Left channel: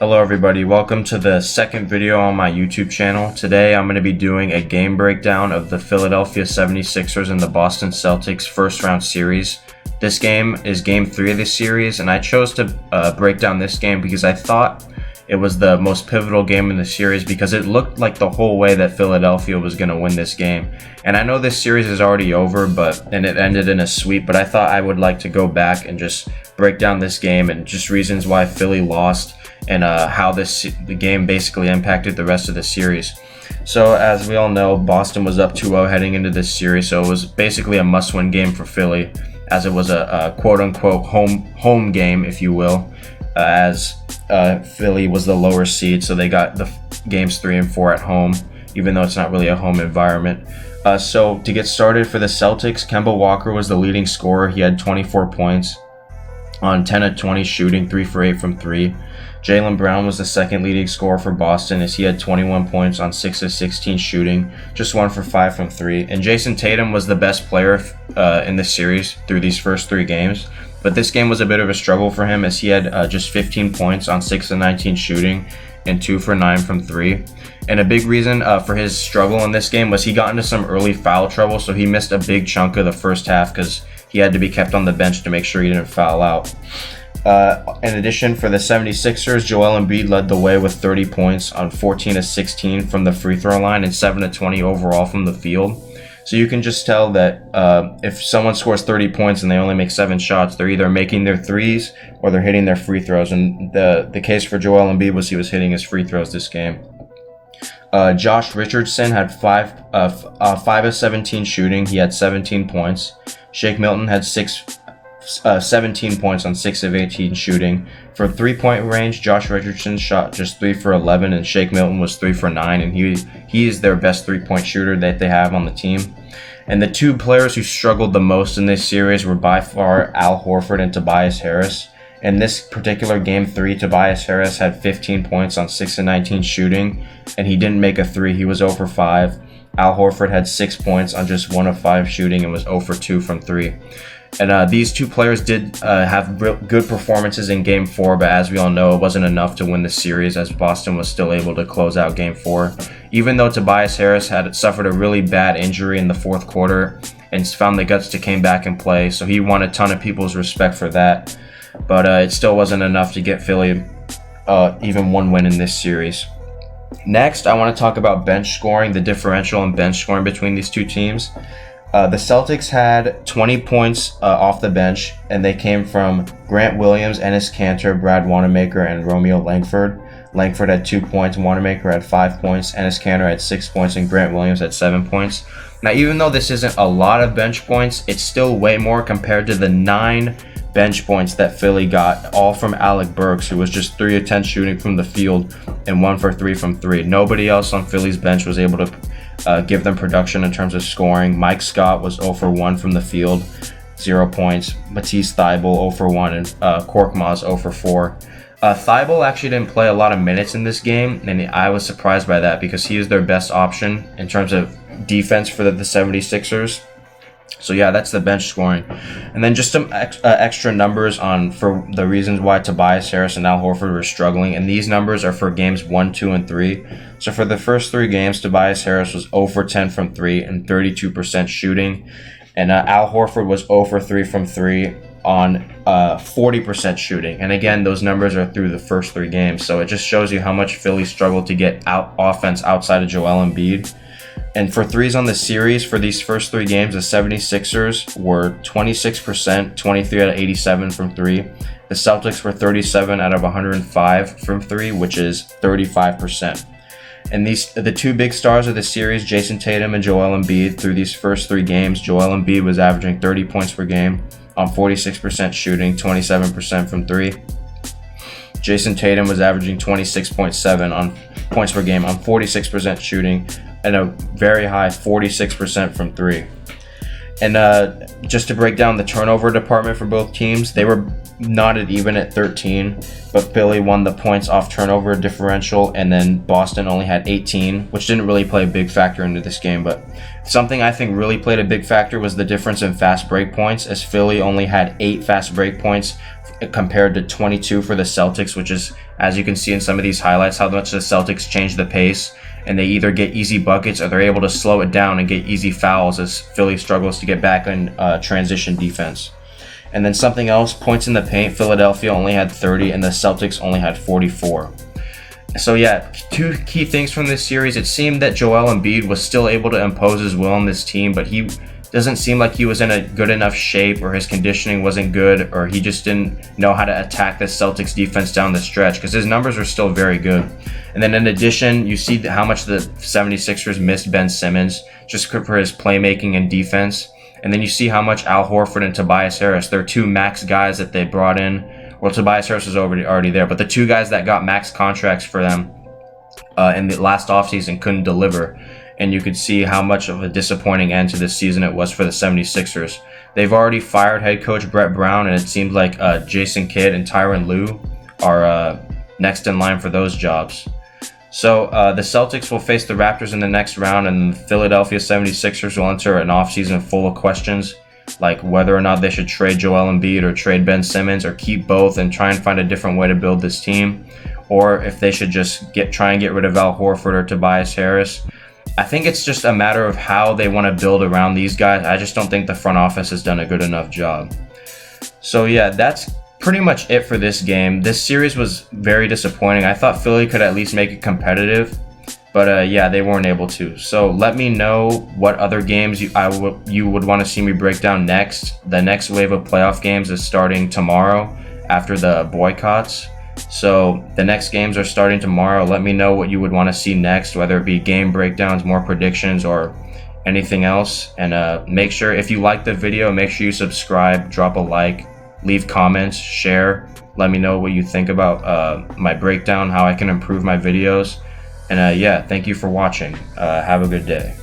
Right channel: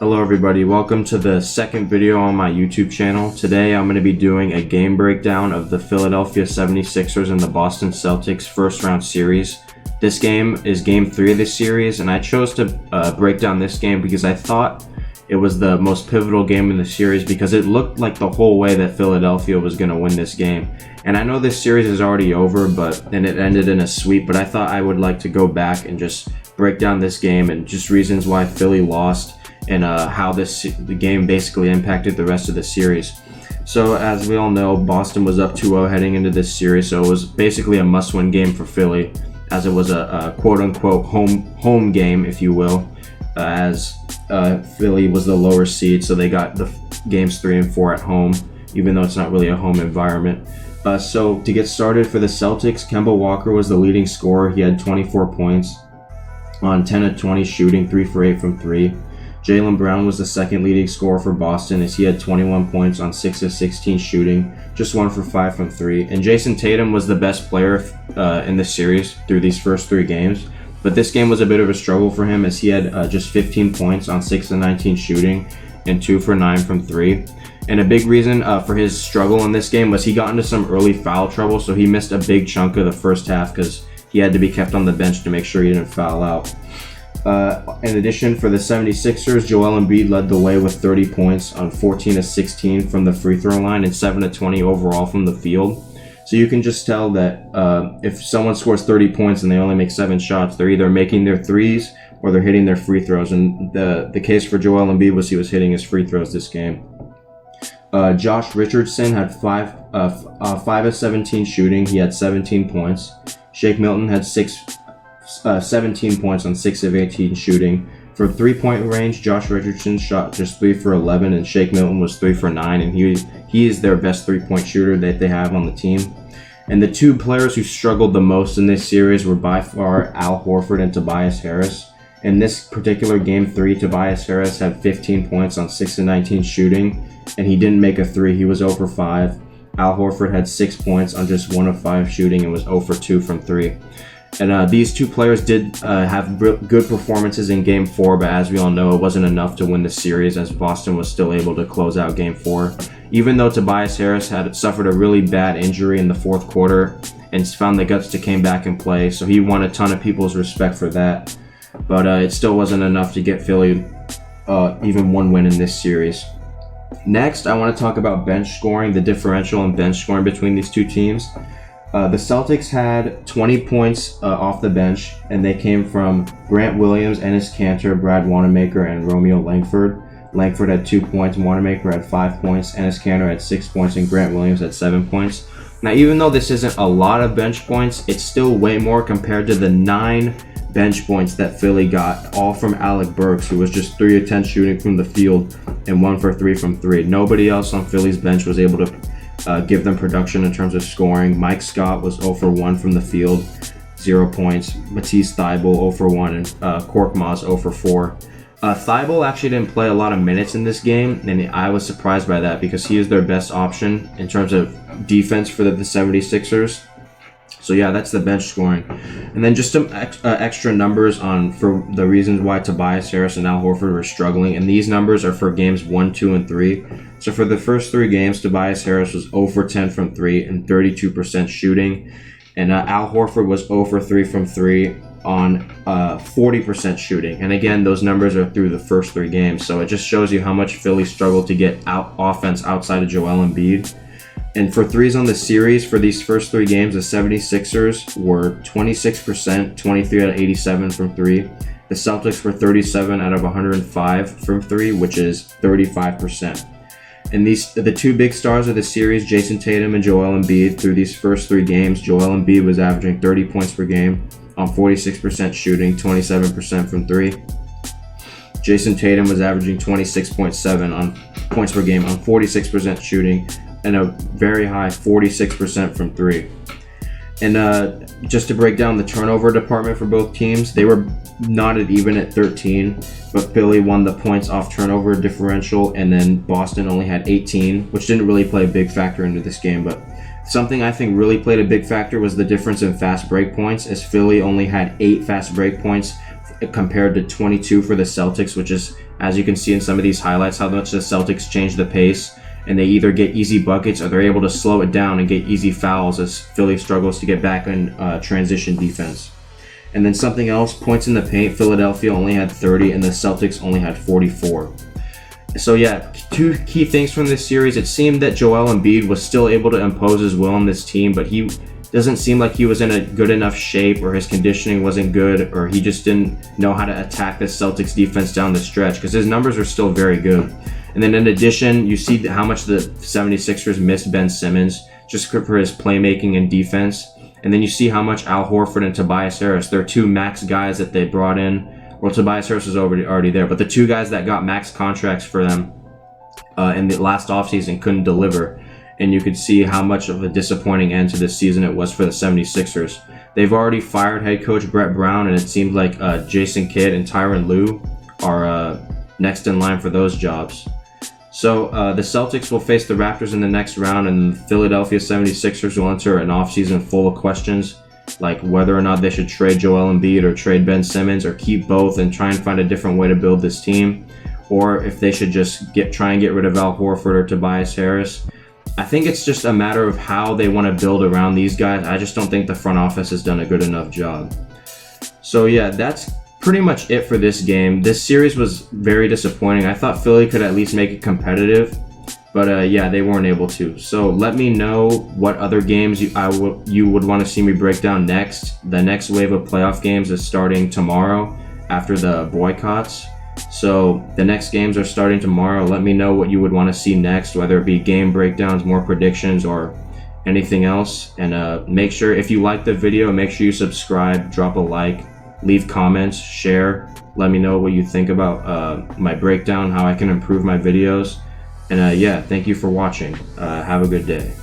Hello everybody, welcome to the second video on my YouTube channel. Today I'm going to be doing a game breakdown of the Philadelphia 76ers and the Boston Celtics first round series. This game is game 3 of the series, and I chose to break down this game because I thought it was the most pivotal game in the series because it looked like the whole way that Philadelphia was going to win this game. And I know this series is already over, and it ended in a sweep, but I thought I would like to go back and just break down this game and just reasons why Philly lost and how the game basically impacted the rest of the series. So as we all know, Boston was up 2-0 heading into this series, so it was basically a must-win game for Philly, as it was a quote-unquote home game, if you will, as Philly was the lower seed, so they got the games 3 and 4 at home, even though it's not really a home environment. So to get started for the Celtics, Kemba Walker was the leading scorer. He had 24 points on 10 of 20 shooting, 3 for 8 from 3. Jaylen Brown was the second leading scorer for Boston, as he had 21 points on 6 of 16 shooting, just 1 for 5 from 3. And Jason Tatum was the best player in the series through these first 3 games. But this game was a bit of a struggle for him, as he had just 15 points on 6 of 19 shooting and 2 for 9 from 3. And a big reason for his struggle in this game was he got into some early foul trouble, so he missed a big chunk of the first half because he had to be kept on the bench to make sure he didn't foul out. In addition, for the 76ers, Joel Embiid led the way with 30 points on 14 of 16 from the free throw line and 7 of 20 overall from the field. So you can just tell that if someone scores 30 points and they only make 7 shots, they're either making their threes or they're hitting their free throws. And the case for Joel Embiid was he was hitting his free throws this game. Josh Richardson had 5 of 17 shooting. He had 17 points. Shake Milton had 17 points on 6 of 18 shooting. For 3-point range, Josh Richardson shot just 3 for 11, and Shake Milton was 3 for 9, and he is their best 3-point shooter that they have on the team. And the 2 players who struggled the most in this series were by far Al Horford and Tobias Harris. In this particular game 3, Tobias Harris had 15 points on 6 of 19 shooting, and he didn't make a 3. He was 0 for 5. Al Horford had 6 points on just 1 of 5 shooting and was 0 for 2 from 3. And these 2 players did have good performances in Game 4, but as we all know, it wasn't enough to win the series, as Boston was still able to close out Game 4. Even though Tobias Harris had suffered a really bad injury in the fourth quarter and found the guts to come back and play, so he won a ton of people's respect for that. But it still wasn't enough to get Philly even one win in this series. Next, I want to talk about bench scoring, the differential in bench scoring between these 2 teams. The Celtics had 20 points off the bench, and they came from Grant Williams, Enes Kanter, Brad Wanamaker, and Romeo Langford. Langford had 2 points, Wanamaker had 5 points, Enes Kanter had 6 points, and Grant Williams had 7 points. Now, even though this isn't a lot of bench points, it's still way more compared to the 9 bench points that Philly got, all from Alec Burks, who was just 3 of 10 shooting from the field and 1 for 3 from 3. Nobody else on Philly's bench was able to give them production in terms of scoring. Mike Scott was 0 for 1 from the field, 0 points. Matisse Thybulle 0 for 1, and Korkmaz 0 for 4. Thybulle actually didn't play a lot of minutes in this game, and I was surprised by that because he is their best option in terms of defense for the 76ers. So yeah, that's the bench scoring. And then just some extra numbers for the reasons why Tobias Harris and Al Horford were struggling. And these numbers are for games 1, 2, and 3. So for the first 3 games, Tobias Harris was 0 for 10 from 3 and 32% shooting. And Al Horford was 0 for 3 from 3 on 40% shooting. And again, those numbers are through the first 3 games. So it just shows you how much Philly struggled to get offense outside of Joel Embiid. And for threes on the series, for these first 3 games, the 76ers were 26%, 23 out of 87 from 3. The Celtics were 37 out of 105 from 3, which is 35%. And the 2 big stars of the series, Jason Tatum and Joel Embiid, through these first 3 games, Joel Embiid was averaging 30 points per game on 46% shooting, 27% from 3. Jason Tatum was averaging 26.7 on points per game on 46% shooting, and a very high 46% from 3. And just to break down the turnover department for both teams, they were knotted even at 13, but Philly won the points off turnover differential, and then Boston only had 18, which didn't really play a big factor into this game. But something I think really played a big factor was the difference in fast break points, as Philly only had 8 fast break points compared to 22 for the Celtics, which is, as you can see in some of these highlights, how much the Celtics change the pace, and they either get easy buckets or they're able to slow it down and get easy fouls as Philly struggles to get back in transition defense. And then something else, points in the paint, Philadelphia only had 30 and the Celtics only had 44. So yeah, two key things from this series. It seemed that Joel Embiid was still able to impose his will on this team, but he doesn't seem like he was in a good enough shape, or his conditioning wasn't good, or he just didn't know how to attack the Celtics defense down the stretch, because his numbers are still very good. And then in addition, you see how much the 76ers missed Ben Simmons just for his playmaking and defense. And then you see how much Al Horford and Tobias Harris, they're two max guys that they brought in. Well, Tobias Harris was already there, but the two guys that got max contracts for them in the last offseason couldn't deliver. And you could see how much of a disappointing end to this season it was for the 76ers. They've already fired head coach Brett Brown, and it seems like Jason Kidd and Tyronn Lue are next in line for those jobs. So the Celtics will face the Raptors in the next round, and the Philadelphia 76ers will enter an offseason full of questions, like whether or not they should trade Joel Embiid or trade Ben Simmons, or keep both and try and find a different way to build this team, or if they should just try and get rid of Al Horford or Tobias Harris. I think it's just a matter of how they want to build around these guys. I just don't think the front office has done a good enough job. So yeah, that's pretty much it for this game. This series was very disappointing. I thought Philly could at least make it competitive, but yeah, they weren't able to. So let me know what other games you would want to see me break down next. The next wave of playoff games is starting tomorrow after the boycotts. So the next games are starting tomorrow. Let me know what you would want to see next, whether it be game breakdowns, more predictions, or anything else. And make sure, if you like the video, make sure you subscribe, drop a like, leave comments, share. Let me know what you think about my breakdown, how I can improve my videos. And yeah, thank you for watching. Have a good day.